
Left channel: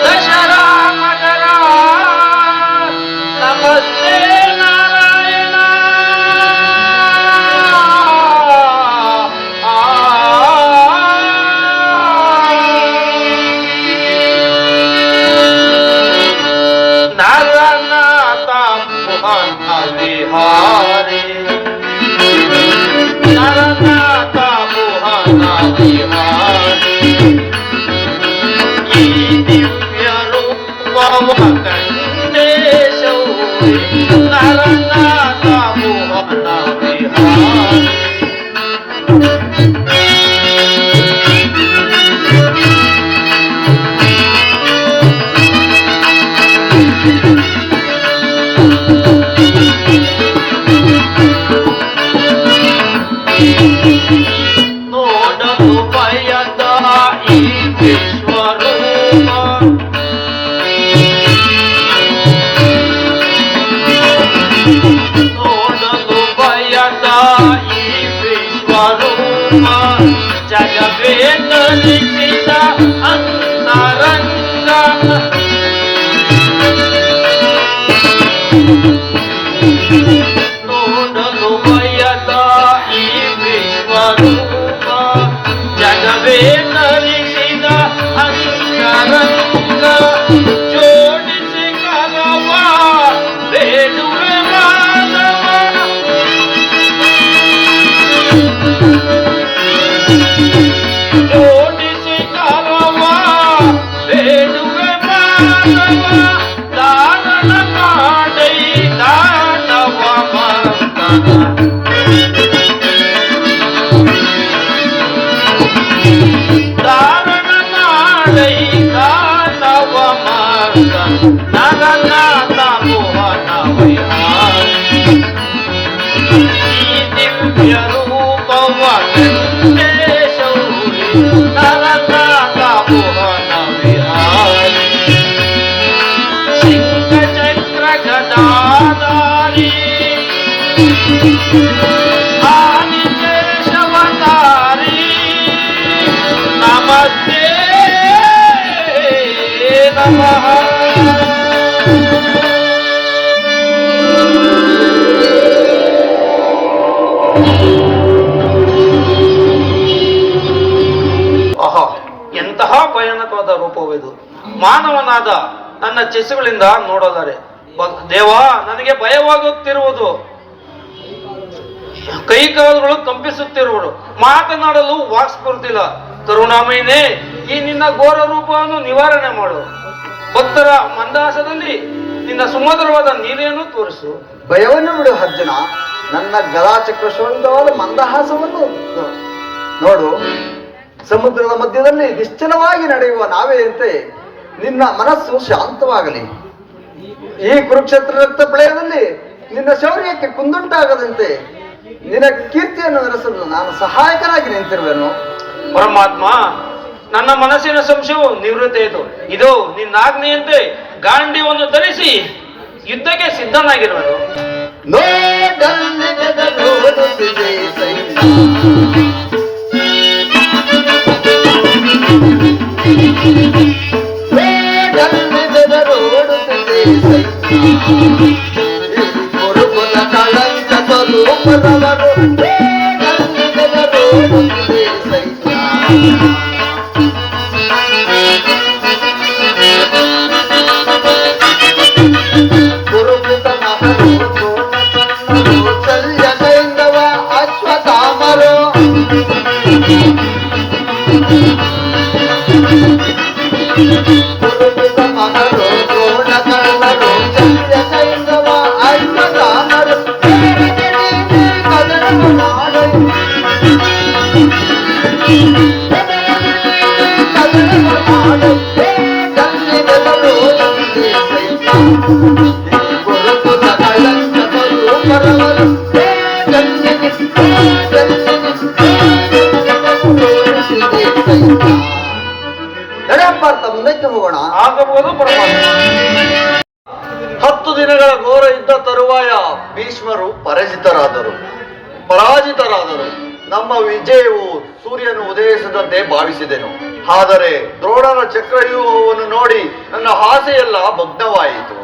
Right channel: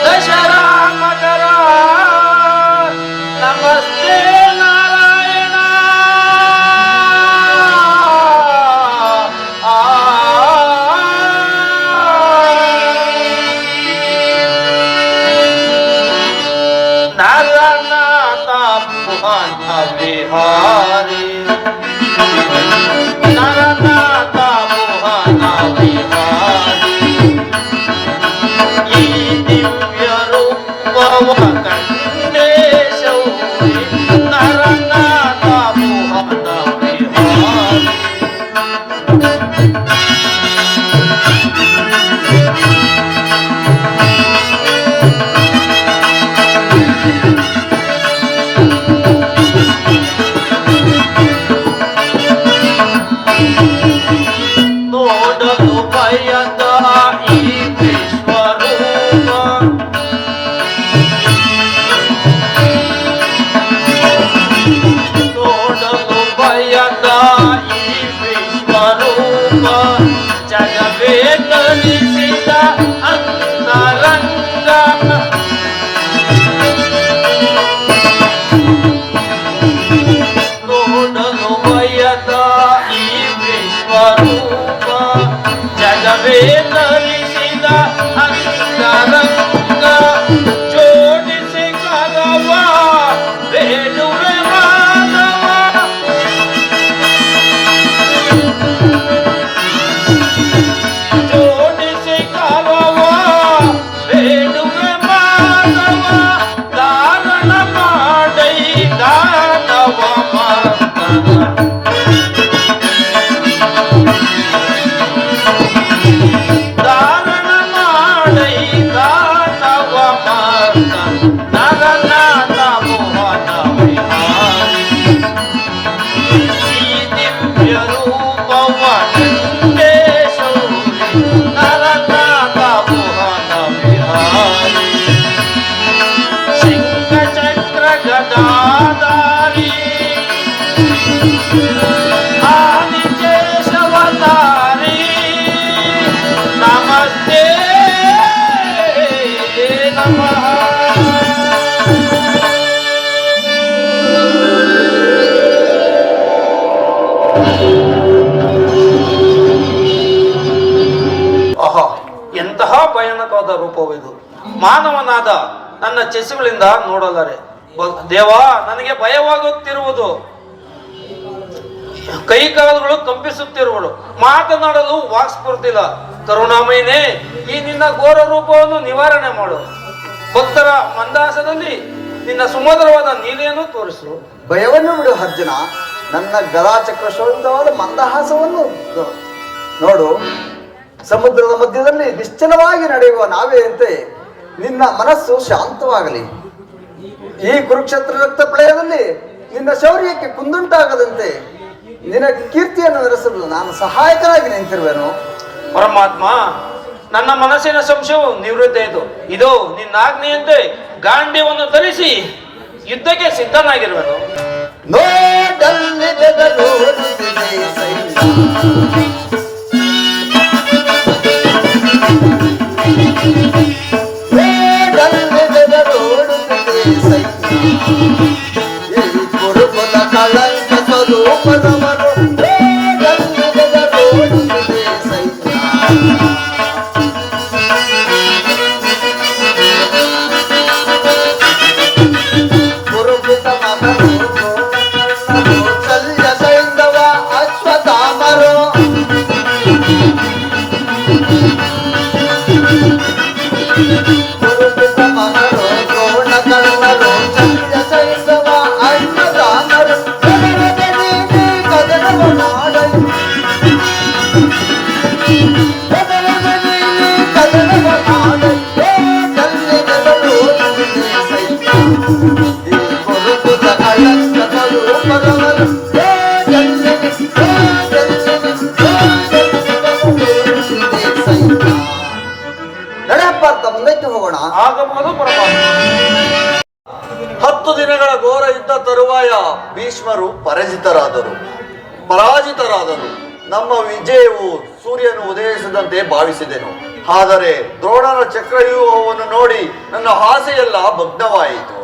ದಶರಥ ನರನಾಥ ಭುವನ ವಿಹಾರಿ ಈ ದಿವ್ಯ ರೂಪವ ವೆಂಕಟೇಶಮೂರ್ತಿ ನರನಾಥ ಭುವನ ವಿಹಾರಿ ಸಿಂಹ ಚಕ್ರ ಗದಾಧಾರಿ ಆದಿಕೇಶವತಾರಿ ನಮಸ್ತೆ ನಮಃ. ಆಹಾ, ಎಂತಹ ಭಯಾನಕವಾದ ರೂಪವಿದು. ಮಾನವನಾದ ನನ್ನ ಚೆಸುಗಳಿಂದ ನೋಡಲಾರೆ. ದೇವಾ, ನನಗೆ ಭಯವಾಗುತ್ತಿರುವುದು. ಕೈ ಕಾಲುಗಳು ಕಂಪಿಸುತ್ತಿರುವುದು. ಮಾತನಾಡಲು ವಾಕ್ಸ್ಫೂರ್ತಿಲ್ಲ. ಕರುಣಾಮಯನೇ, ಈ ನಿನ್ನ ಘೋರ ರೂಪವನ್ನು ನಿವಾರಣೆ ಮಾಡು. ಭಕ್ತರ ಮಂದಾಸದಲ್ಲಿ ನಿನ್ನ ಸುಮಧುರವಾದ ನೀಲೆಯನ್ನು ತೋರಿಸು. ಭಯವನ್ನು ಬಿಡು ಅರ್ಜುನ. ನನ್ನ ಗದಾಚಕ್ರ ಶೋಭಿತವಾದ ಮಂದಹಾಸವನ್ನು ನೋಡು. ಸಮುದ್ರದ ಮಧ್ಯದಲ್ಲಿ ನಿಶ್ಚಲವಾಗಿ ನಡೆಯುವ ನಾವೆಯಂತೆ ನಿನ್ನ ಮನಸ್ಸು ಶಾಂತವಾಗಲಿ. ಈ ಕುರುಕ್ಷೇತ್ರ ರಕ್ತ ಪ್ರಳಯದಲ್ಲಿ ನಿನ್ನ ಶೌರ್ಯಕ್ಕೆ ಕುಂದುಂಟಾಗದಂತೆ ನಿನ್ನ ಕೀರ್ತಿಯನ್ನು ನಡೆಸಲು ನಾನು ಸಹಾಯಕನಾಗಿ ನಿಂತಿರುವೆನು. ಪರಮಾತ್ಮ, ನನ್ನ ಮನಸ್ಸಿನ ಸಂಶಯವು ನಿವೃತ್ತಿ ಆಯಿತು. ಇದು ನಿನ್ನ ಆಜ್ಞೆಯಂತೆ ಗಾಂಡಿವನ್ನು ಧರಿಸಿ ಯುದ್ಧಕ್ಕೆ ಸಿದ್ಧನಾಗಿರುವುದು. ನೋಡಲ್ಲಿ ಬೆದರುತ್ತಿದೆ ಸೈನ್ಯ. ನೋಡಲ್ಲಿ ಬೆದರುತ್ತಿದೆ ಸೈನ್ಯ. ಈ ಗುರುಕುಲ ಕಳಂಕ ಸ್ವರೂಪದವರು. ನೋಡಲ್ಲಿ ಬೆದರುತ್ತಿದೆ ಸೈನ್ಯ. ಮುಂದಕ್ಕೆ ಹೋಗೋಣ. ಆಗಬಹುದು ಪರಮಾತ್ಮ. 10 ದಿನಗಳ ಘೋರ ಯುದ್ಧ ತರುವಾಯ ಭೀಷ್ಮರು ಪರಾಜಿತರಾದರು. ನಮ್ಮ ವಿಜಯವು ಸೂರ್ಯನು ಉದಯಿಸಿದಂತೆ ಭಾವಿಸಿದೆನು. ಆದರೆ ದ್ರೋಣನ ಚಕ್ರವ್ಯೂಹವನ್ನು ನೋಡಿ ನನ್ನ ಆಸೆಯೆಲ್ಲ ಭಗ್ನವಾಯಿತು.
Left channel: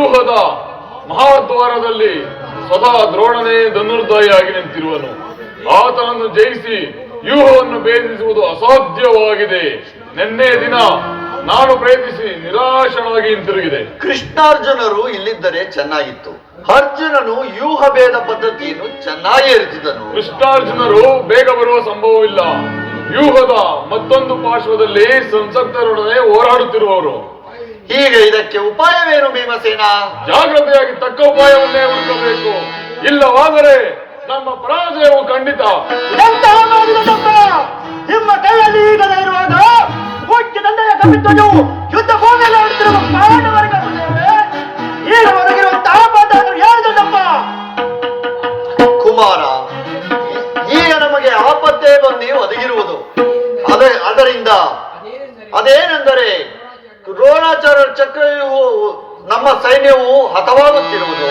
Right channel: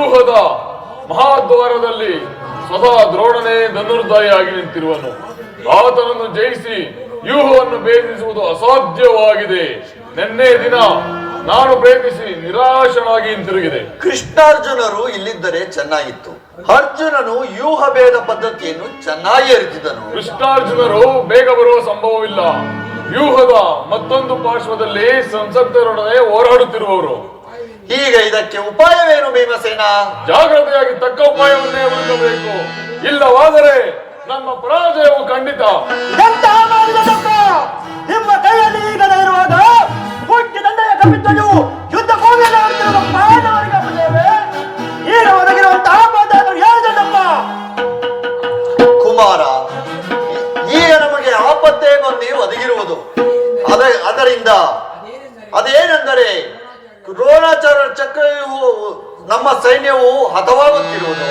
ವ್ಯೂಹದ ಮಹಾದ್ವಾರದಲ್ಲಿ ಸದಾ ದ್ರೋಣನೇ ಧನುರ್ಧಾಯಿಯಾಗಿ ನಿಂತಿರುವನು. ಆತನನ್ನು ಜಯಿಸಿ ವ್ಯೂಹವನ್ನು ಭೇದಿಸುವುದು ಅಸಾಧ್ಯವಾಗಿದೆ. ನಿನ್ನೆ ದಿನ ನಾನು ಪ್ರಯತ್ನಿಸಿ ನಿರಾಶನಾಗಿ ಹಿಂತಿರುಗಿದೆ. ಕೃಷ್ಣಾರ್ಜುನರು ಇಲ್ಲಿದ್ದರೆ ಚೆನ್ನಾಗಿತ್ತು. ಅರ್ಜುನನು ವ್ಯೂಹ ಭೇದ ಪದ್ಧತಿಯನ್ನು ಚೆನ್ನಾಗಿ ಅರಿತಿದ್ದನು. ಕೃಷ್ಣಾರ್ಜುನರು ಬೇಗ ಬರುವ ಸಂಭವವಿಲ್ಲ. ವ್ಯೂಹದ ಮತ್ತೊಂದು ಪಾರ್ಶ್ವದಲ್ಲಿ ಸಂಸಕ್ತರೊಡನೆ ಹೋರಾಡುತ್ತಿರುವವರು. ಈಗ ಇದಕ್ಕೆ ಉಪಾಯವೇನು ಭೀಮಸೇನ? ಜಾಗ್ರತೆಯಾಗಿ ತಕ್ಕ ಉಪಾಯವನ್ನೇ ಹುಡುಕಬೇಕು. ಇಲ್ಲವಾದರೆ ನಮ್ಮ ಪರಾಜಯವು ಖಂಡಿತ. ನಿಮ್ಮ ಕೈಯಲ್ಲಿ ಈಗಲೇ ಇರುವಾಗ ಮುಖ್ಯ ದಂಡೆಯ ಕಪಿತನು ಯುದ್ಧ ಭೂಮಿಯಲ್ಲಿ ಆಡುತ್ತಿರುವ ಪ್ರಾಣವರೆಗೆ ಈಗ ಒದಗಿರುವಂತಹ ಪಾಠವನ್ನು ಹೇಳಿದಪ್ಪ. ಕುಮಾರ, ಈಗ ನಮಗೆ ಆಪತ್ತೇ ಬಂದು ಒದಗಿರುವುದು. ಅದರಿಂದ ಅದೇನೆಂದರೆ ದ್ರೋಣಾಚಾರ್ಯ ಚಕ್ರವ್ಯೂಹವು ನಮ್ಮ ಸೈನ್ಯವು ಹತವಾಗುತ್ತಿರುವುದು.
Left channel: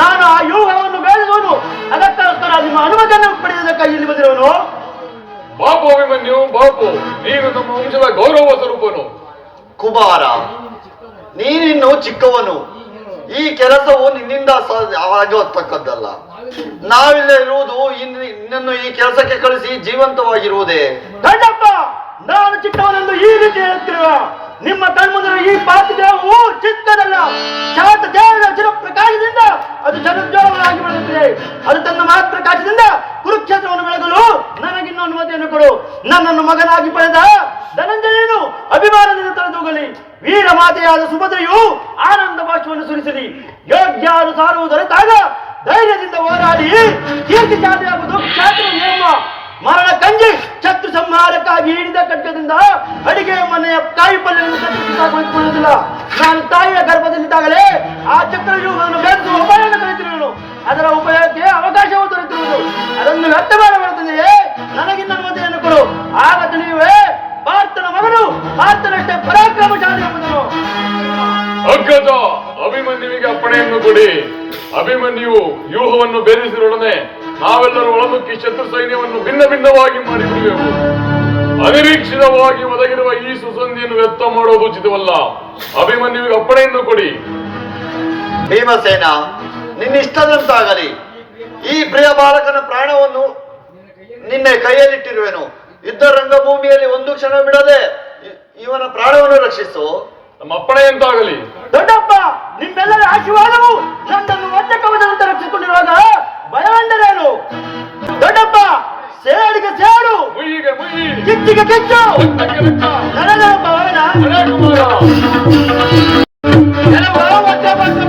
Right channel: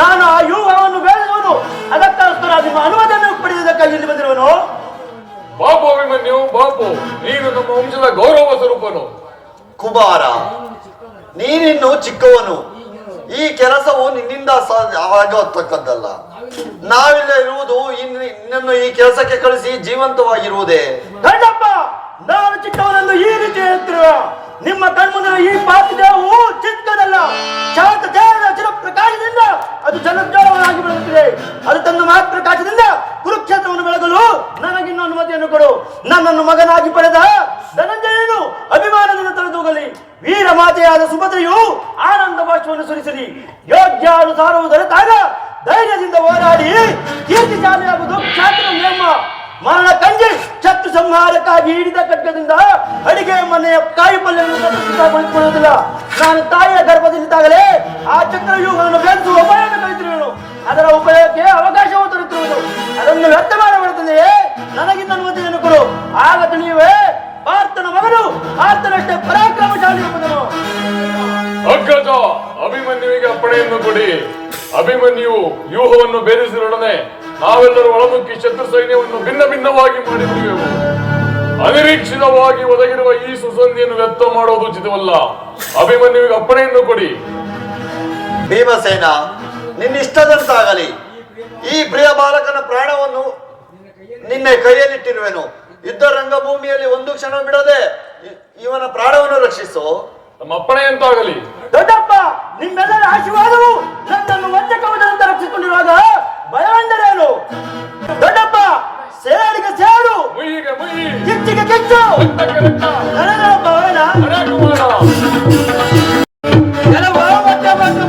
ನಾನು ಆ ಯುಗವನ್ನು ಗಳಿಸುವುದು ಅದಕ್ಕೋಸ್ಕರ ನಿಮ್ಮ ಅನುಮತಿಯನ್ನು ಪಡೆಯುವುದಕ್ಕೆ ಇಲ್ಲಿ ಬಂದಿರುವನು. ಬಾಪು ಅಭಿಮನ್ಯು, ಬಾಪು, ನೀನು ನಮ್ಮ ವಂಶದ ಗೌರವ ಸ್ವರೂಪನು. ಕುಮಾರ, ನೀನಿನ್ನು ಚಿಕ್ಕವನು. ಈ ಕೆಲಸವು ನಿನ್ನಿಂದ ಆಗತಕ್ಕದ್ದಲ್ಲ. ನಾವಿಲ್ಲ ಇರುವುದು ನಿನ್ನನ್ನು ಈ ಕೆಲಸಕ್ಕೆ ಕಳಿಸಿ ಜೀವಂತವಾಗಿರುವುದೇ. ಗಂಡಪ್ಪ, ನಾನು ಚಿಕ್ಕವನೆಂದು ಈ ರೀತಿ ಹೇಳ್ತಿರುವ ನಿಮ್ಮ ಕಣ್ಮುಂದಿನ ಈ ಪಾತಿದೇವು ಚಿಕ್ಕದಲ್ಲ. ಶಾಂತ ದೇವರ ಚಿರಪ್ರಕಾಶದಿಂದ ಅದು ಜನೋಜ್ವಲವಾಗಿ ಬೆಳೆಯುತ್ತಿದೆ. ಅದು ತನ್ನ ಮಹಾಪ್ರಕಾಶದಿಂದ ಕುರುಕ್ಷೇತ್ರವನ್ನು ಬೆಳಗಲು ನನಗಿನ್ನು ಅನುಮತಿಯನ್ನು ಕೊಡು. ನನ್ನನ್ನು ಮಗನಾಗಿ ಪಡೆದ ಧನಂಜಯನು ಅಭಿಮಾನದಿಂದ ತೊಳೆದೋಗಲಿ. ವೀರ ಮಾತೆಯಾದ ಸುಭದ್ರೆಯು ಆನಂದ ಭಾಷವನ್ನು ಸುರಿಸಲಿ. ಯೋಗ್ಯಾನುಸಾರವು ದೊರೆತಾಗ ಧೈರ್ಯದಿಂದ ಹೋರಾಡಿ ಕೀರ್ತಿಶಾಲಿಯಾಗುವುದು ಕ್ಷಾತ್ರ ನೇಮ. ಮರಣ ಕಂಜಿ ಶತ್ರು ಸಂಹಾರಕ್ಕಾಗಿ ಹಿಡಿದ ಖಡ್ಗದಿಂದ ಅಡಿಗೆ ಮನೆಯ ಕಾಯಿ ಪಲ್ಯವನ್ನು ಕತ್ತರಿಸಿಕೊಳ್ಳುವುದಿಲ್ಲ. ನಾನು ತಾಯಿಯ ಗರ್ಭದಲ್ಲಿದ್ದಾಗಲೇ ಆ ಚಕ್ರವ್ಯೂಹವನ್ನು ಬೆಳೆಸುವ ಉಪಾಯವನ್ನು ಕಲಿತಿರುವನು. ಅದರ ಉಪಯೋಗಕ್ಕೆ ಅವಕಾಶವು ದೊರೆತಿರುವುದು. ಅದನ್ನು ವ್ಯರ್ಥ ಮಾಡಬಾರದೆಯೇ? ನನಗಿನ್ನ ಅನುಮತಿಯನ್ನು ಕೊಡು. ಆಗ ತಿಳಿಯುವೆ ಭಾರತನ ಮಗನು ಭಾರತನಷ್ಟೇ ಪರಾಕ್ರಮಶಾಲಿ ಎಂಬುದನ್ನು. ಅಗ್ಗಜ, ಅಭಿಮನ್ಯುವಿಗೆ ಅಪ್ಪಣೆಯನ್ನು ಕೊಡಿ. ಅಭಿಮನ್ಯು ವ್ಯೂಹವನ್ನು ಭೇದಿಸಿರೊಡನೆ ನಾವೆಲ್ಲರೂ ಒಳನುಗ್ಗಿ ಶತ್ರು ಸೈನ್ಯವನ್ನು ಭಿನ್ನ ಭಿನ್ನವಾಗಿ ಮಾಡಿಬಿಡುವೆವು. ಅನಿರೀಕ್ಷಿತವಾಗಿ ಒದಗಿರುವ ಈ ಸುಸಂಧಿಯನ್ನು ವ್ಯರ್ಥ ಮಾಡುವುದು ಉಚಿತವಲ್ಲ. ಅಭಿಮನ್ಯುವಿಗೆ ಅಪ್ಪಣೆಯನ್ನು ಕೊಡಿ. ಭೀಮಸೇನ, ನಿನ್ನಿಷ್ಟದಂತಾಗಲಿ. ಈ ಪ್ರಿಯ ಬಾಲಕನ ಪ್ರಾಣವನ್ನು ನಿನ್ನ ಕೈಯಲ್ಲಿಟ್ಟಿರುವೆನು. ಯುದ್ಧ ರಂಗಭೂಮಿಯಲ್ಲಿ ಒಂದು ಕ್ಷಣ ಬಿಡದೆ ಇವನ ಪ್ರಾಣವನ್ನು ರಕ್ಷಿಸು. ನಮ್ಮ ಅಪ್ಪಣೆಯಂತಾಗಲಿ. ದೊಡ್ಡಪ್ಪ, ನಿಮ್ಮೆಲ್ಲರ ಆಶೀರ್ವಾದವು ನನ್ನನ್ನು ವಂಚಕವದಂತೆ ರಕ್ಷಿಸಿಕೊಂಡಿರುವಾಗ ಭಯವೆಂದರೇನು? ದೊಡ್ಡಪ್ಪ, ಸೇಡಿಗೆ ಸೇಡು, ಮುಯ್ಯಿಗೆ ಮುಯ್ಯಿ, ಕಿಚ್ಚಿಗೆ ಕಿಚ್ಚು, ರಕ್ತಕ್ಕೆ ರಕ್ತ. ನನಗಪ್ಪ ಅವನ ಜಯ ಕುಮಾರ.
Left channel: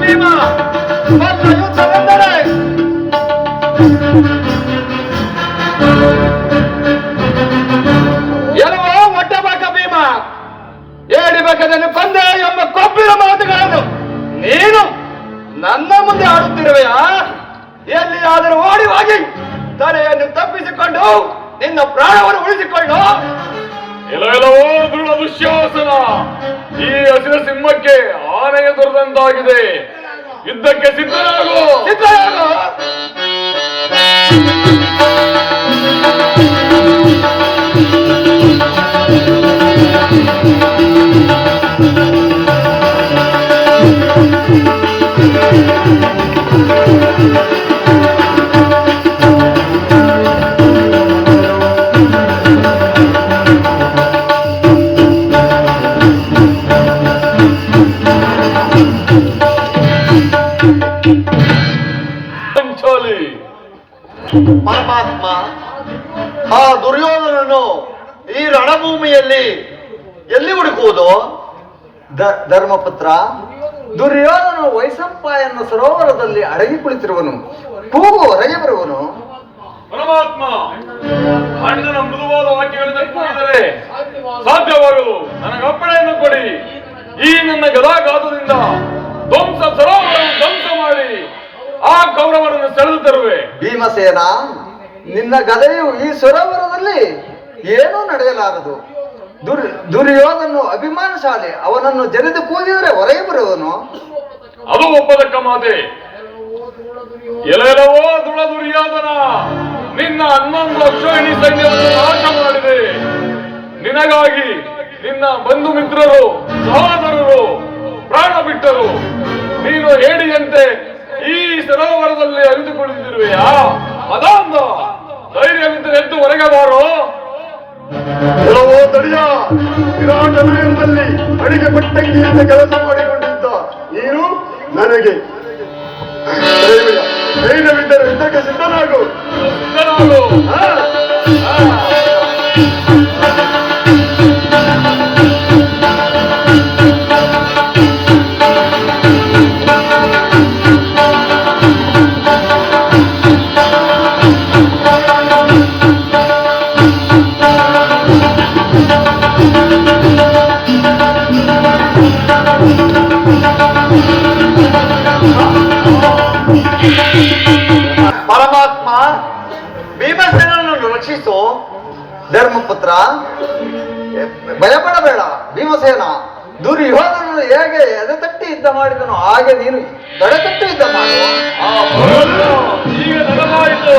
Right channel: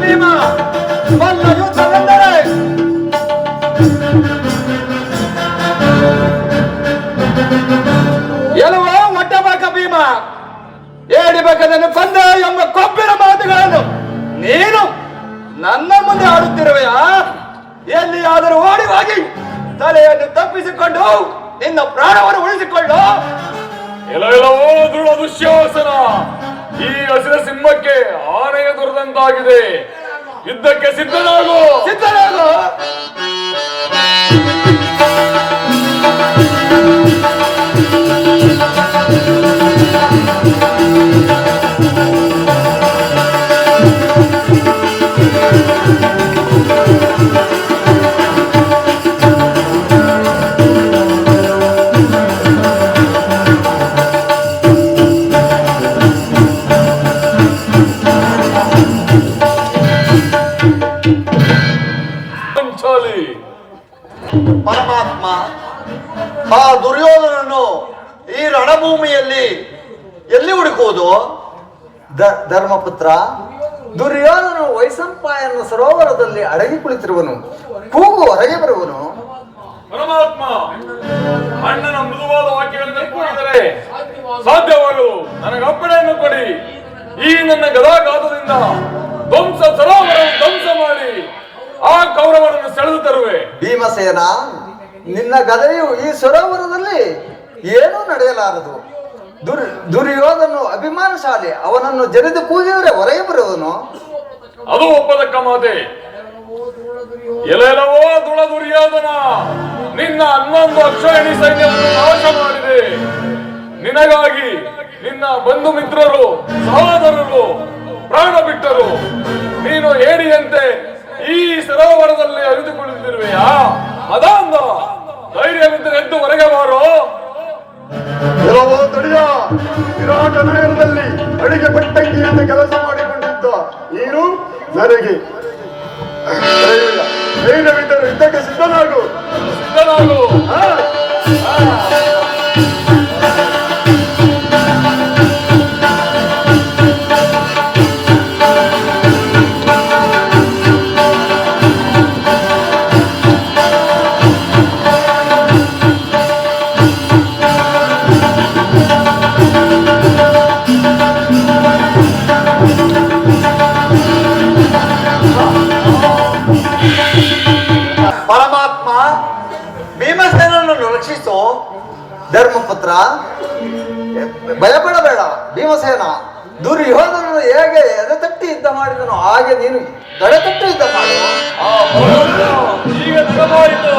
ಭೀಮ ವಲ್ಲ ಯುದ್ಧವೆಂದರೆ ಎಲುವ ಒಡ್ಡಬಾಕ ಭೀಮ, ಏಡಿಬೇಕದನ್ನು ಕೊಂದ ಎಂಬ ಕೊಬ್ಬಿನ ಮಾತುಗಳನ್ನು ನೀನು ನನ್ನ ಮುಂದೆ ಆಡುತ್ತಿರುವೆಯಾ? ಎಲ್ಲಿಯಾದರೂ ಓಡಿ ಹೋಗಿ ತಲೆಯನ್ನು ತಪ್ಪಿಸಿಕೊಂಡು ನಿನ್ನ ಪ್ರಾಣವನ್ನು ಉಳಿಸಿಕೊಂಡು. ಎಲ್ಲವೋ ದೃಢ ದುಶ್ಯಾಸನ. ಈ ಹಸಿರ ಸಿಂಹಕ್ಕೆ ಆನೆಯ ದೊರೆದಂತಾಗಿದೆ. ಯುದ್ಧಕ್ಕೆ ಸಿದ್ಧನಾಗು. ಪರಮಾತ್ಮ, ಆ ದುರ್ಯೋಧನನು ಈ ರಣಭೂಮಿಯಲ್ಲಿ ಎಲ್ಲಿ ಹುಡುಕುವುದು? ಧರ್ಮಪುತ್ರ, ದುರ್ಯೋಧನ ವೈಸಂಪಾಯನ ಸರೋವರದಲ್ಲಿ ಅಡಗಿ ಕುಳಿತಿರುವನು. ಕೂಗು ಹೊರಗೆ ಬರುವನು. ಪರಮಾತ್ಮ, ಅಣ್ಣನ ಮೃದುವಾದ ವಾಕ್ಯಗಳನ್ನು ನೆನಪಿಸಿದರೆ ಸಾಧ್ಯವಾಗಲು ನನಗೆ ಅಪ್ಪಣೆಯನ್ನು ಕೊಡಿ. ಈ ನನ್ನ ಗದಾಘಾತದಿಂದ ಸರೋವರವನ್ನು ಧ್ವಂಸ ಮಾಡಿ ಆ ಕೌರವರನ್ನು ಸೆಳೆದು ತರುವೆ. ಭೀಮಸೇನ, ನಿನ್ನ ಗದೆಯು ಈ ಸರೋವರದಲ್ಲಿ ಏನೂ ನಡೆಯಲಾರದು. ದುರ್ಯೋಧನು ಅಭಿಮಾನಶಾಲಿ, ಅವನನ್ನು ಜರಿದು ಕೂಗಿದರೆ ಹೊರಗೆ ಬರುವನು. ಅದು ಒಪ್ಪದಕ್ಕ ಮಾತೆ. ಎಲ್ಲೆಲ್ಲವೋ ದುರ್ಯೋಧನ, ನಿನ್ನ 11 ಅಕ್ಷೋಹಿಣಿ ಸೈನ್ಯವನ್ನು ನಾಶ ಮಾಡಿದೆ. ನಿನಗಾಗಿ ನಿನ್ನ ಬಂಧು ಮಿತ್ರರು, ಸಹೋದರರು ಪ್ರಾಣ ಬಿಟ್ಟರು. ನೀನು ಹೇಳಿದಂತೆ ಈ ಸರೋವರದಲ್ಲಿ ಅರಿತುಕೊಳ್ಳುತ್ತಿರುವೆಯಾ? ಮದಾಂಧ, ಧೈರ್ಯವಿದ್ದರೆ ಎದ್ದು ಹೊರಗೆ ಬಾರೋ. ತಡಿಯ, ವಿರಾಟ ನಗರದಲ್ಲಿ ಅಡಿಗೆ ಪಟ್ಟಂಗಿಯಿಂದ ಕೆಲಸ ಮಾಡಿಕೊಂಡಿದ್ದ ನೀನು ನನಗೆ ಧೈರ್ಯವಿದ್ದರೆ ಯುದ್ಧಕ್ಕೆ ಸಿದ್ಧನಾಗು. ಪರಮಾತ್ಮ, ಭೀಮಸೇನನ್ನು ರಕ್ಷಿಸು. ಧರ್ಮಪುತ್ರ, ಭಯಪಡಬೇಡ. ಭೀಮಸೇನ, ದುರ್ಯೋಧನನು ಹೇಗೆ ಎದೆತಟ್ಟಿ ಯುದ್ಧ ಮಾಡಿದನು ಹಾಗೆ ನೀನು ಎಡೆತಟ್ಟಿ ಯುದ್ಧ ಮಾಡು. ಈಗ ನೆನಪಾಯಿತು.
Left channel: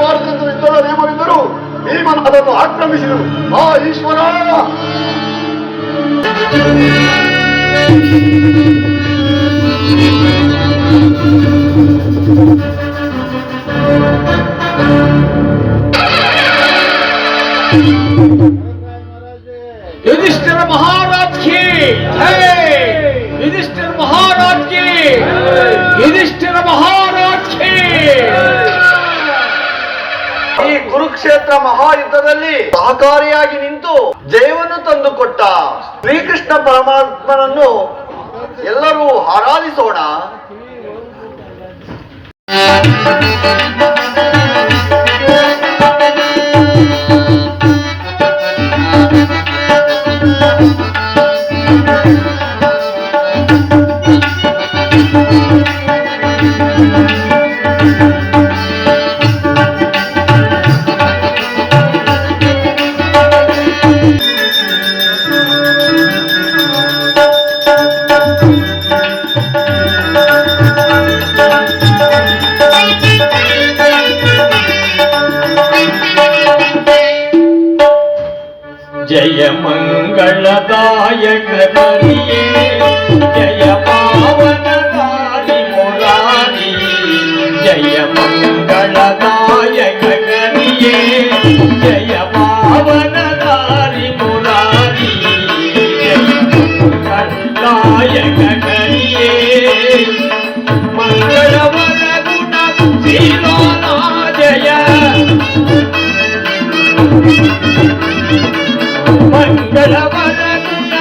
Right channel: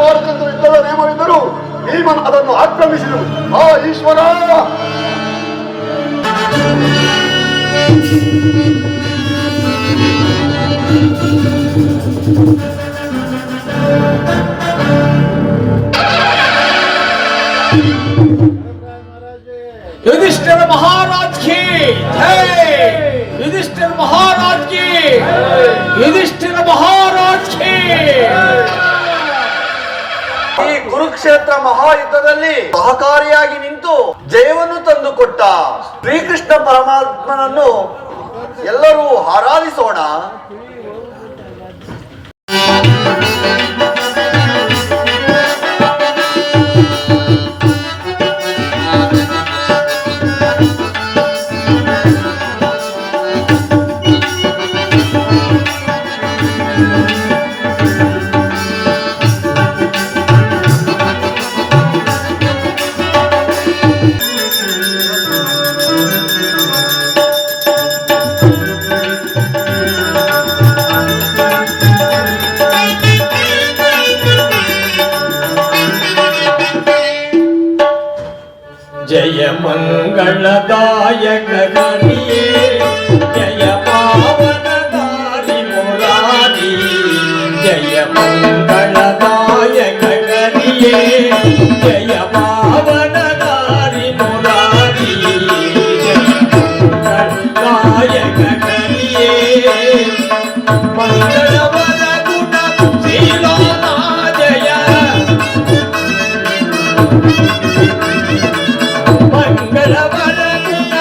ಮಾಡಬೇಕೆಂದು ಯುದ್ಧದ ನಿಯಮವಿದ್ದರೂ ಭೀಮನ್ ಅದನ್ನು ಆಕ್ರಮಿಸಿದರು. ಆ ಈಶ್ವರ, युधिष्ठिर महाराज की जय, युधिष्ठिर महाराज की, युधिष्ठिर महाराज की. ಈ ಕುರುಕ್ಷೇತ್ರ ಮಹಾಯುದ್ಧದಲ್ಲಿ ಸಹಕಾರಿಯಾಗಿ ನಿಂತು ಜಯವನ್ನು ತಂದುಕೊಟ್ಟ ಶ್ರೀಕೃಷ್ಣ ಪರಮಾತ್ಮನನ್ನು ಎಲ್ಲರೂ ಆರಾಧಿಸೋಣ. जय मंगलदायक करिए, जय पावनदारी मुरारी. जय मंगलदायक करिए, जय पावनदारी मुरारी. जय मंगलदायक करिए, मंगलवर गुण शीलोना. जय मंगलवर गुण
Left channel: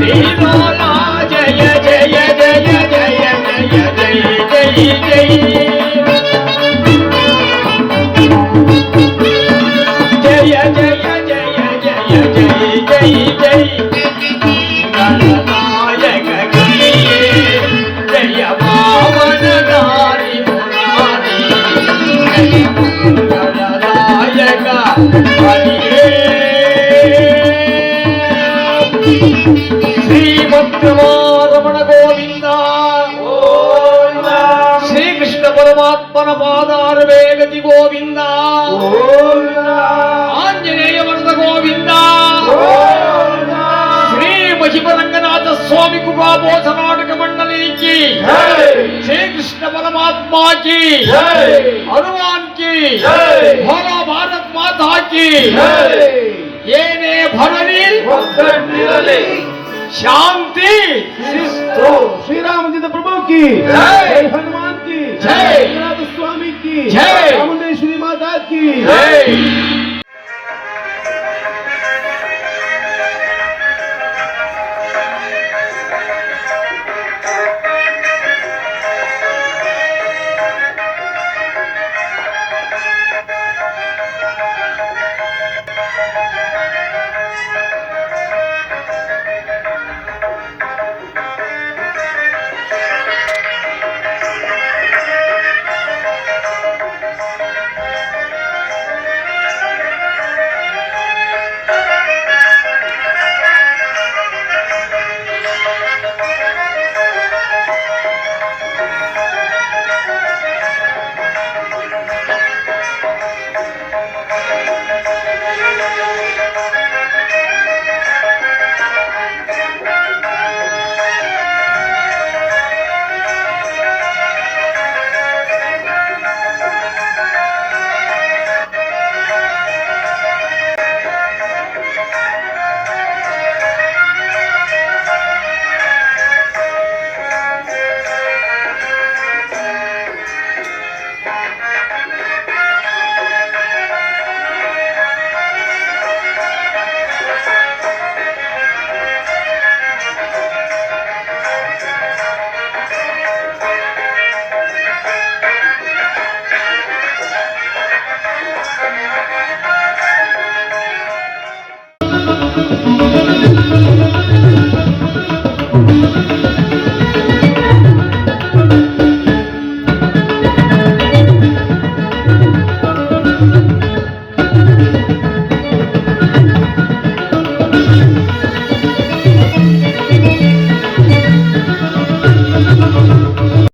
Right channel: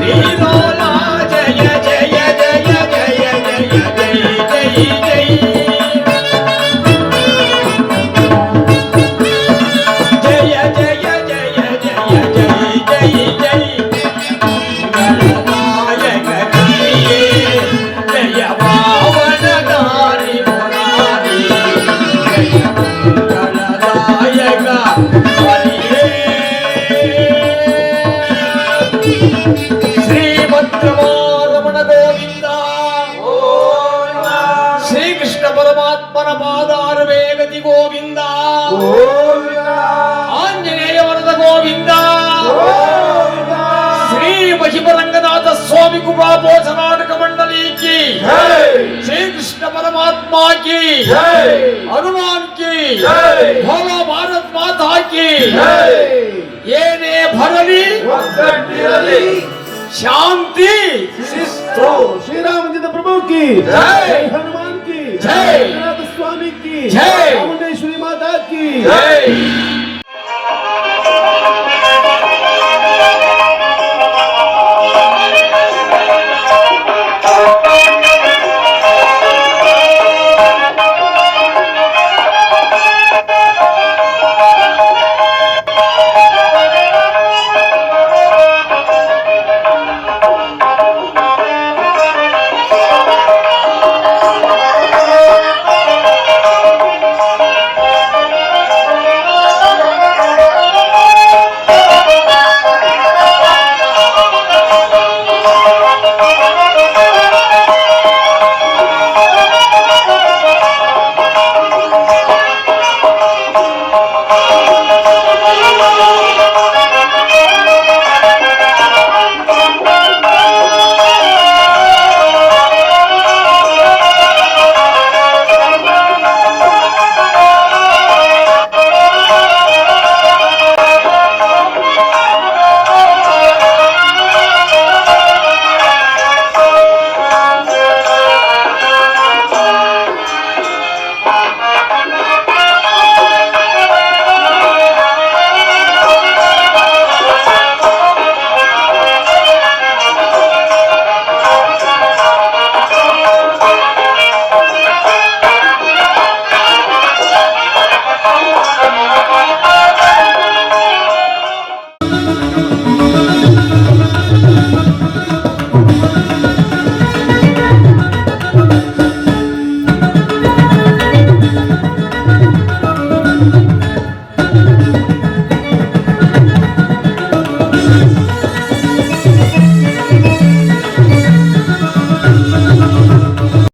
शीलोला. जय जय जय जय जय जय जय जय जय. जय जय जय जय जय जय. मंगलदायक करिए, जय पावनदारी मुरारी. जय मंगलदायक करिए. श्रीभद्रमारमण गोविंद. श्रीकृष्ण परमात्मन पादारवे गति गोविंद. आंजनेय वरद गोविंद. श्री महिमरंगनाथ स्वामी कुबाबोध नाटक मंडली की, श्री कृष्ण परमात्मा की, हनुमान की, भोला भारत माता की, ಏನೇ ಭರಲಿ ಶಾಂತಿ ಶ್ರೀರಾಮಚಂದ್ರ ಪ್ರಭು की जय हनुमान की जय स्वामी की जय चामुंडेश्वरी माता की जय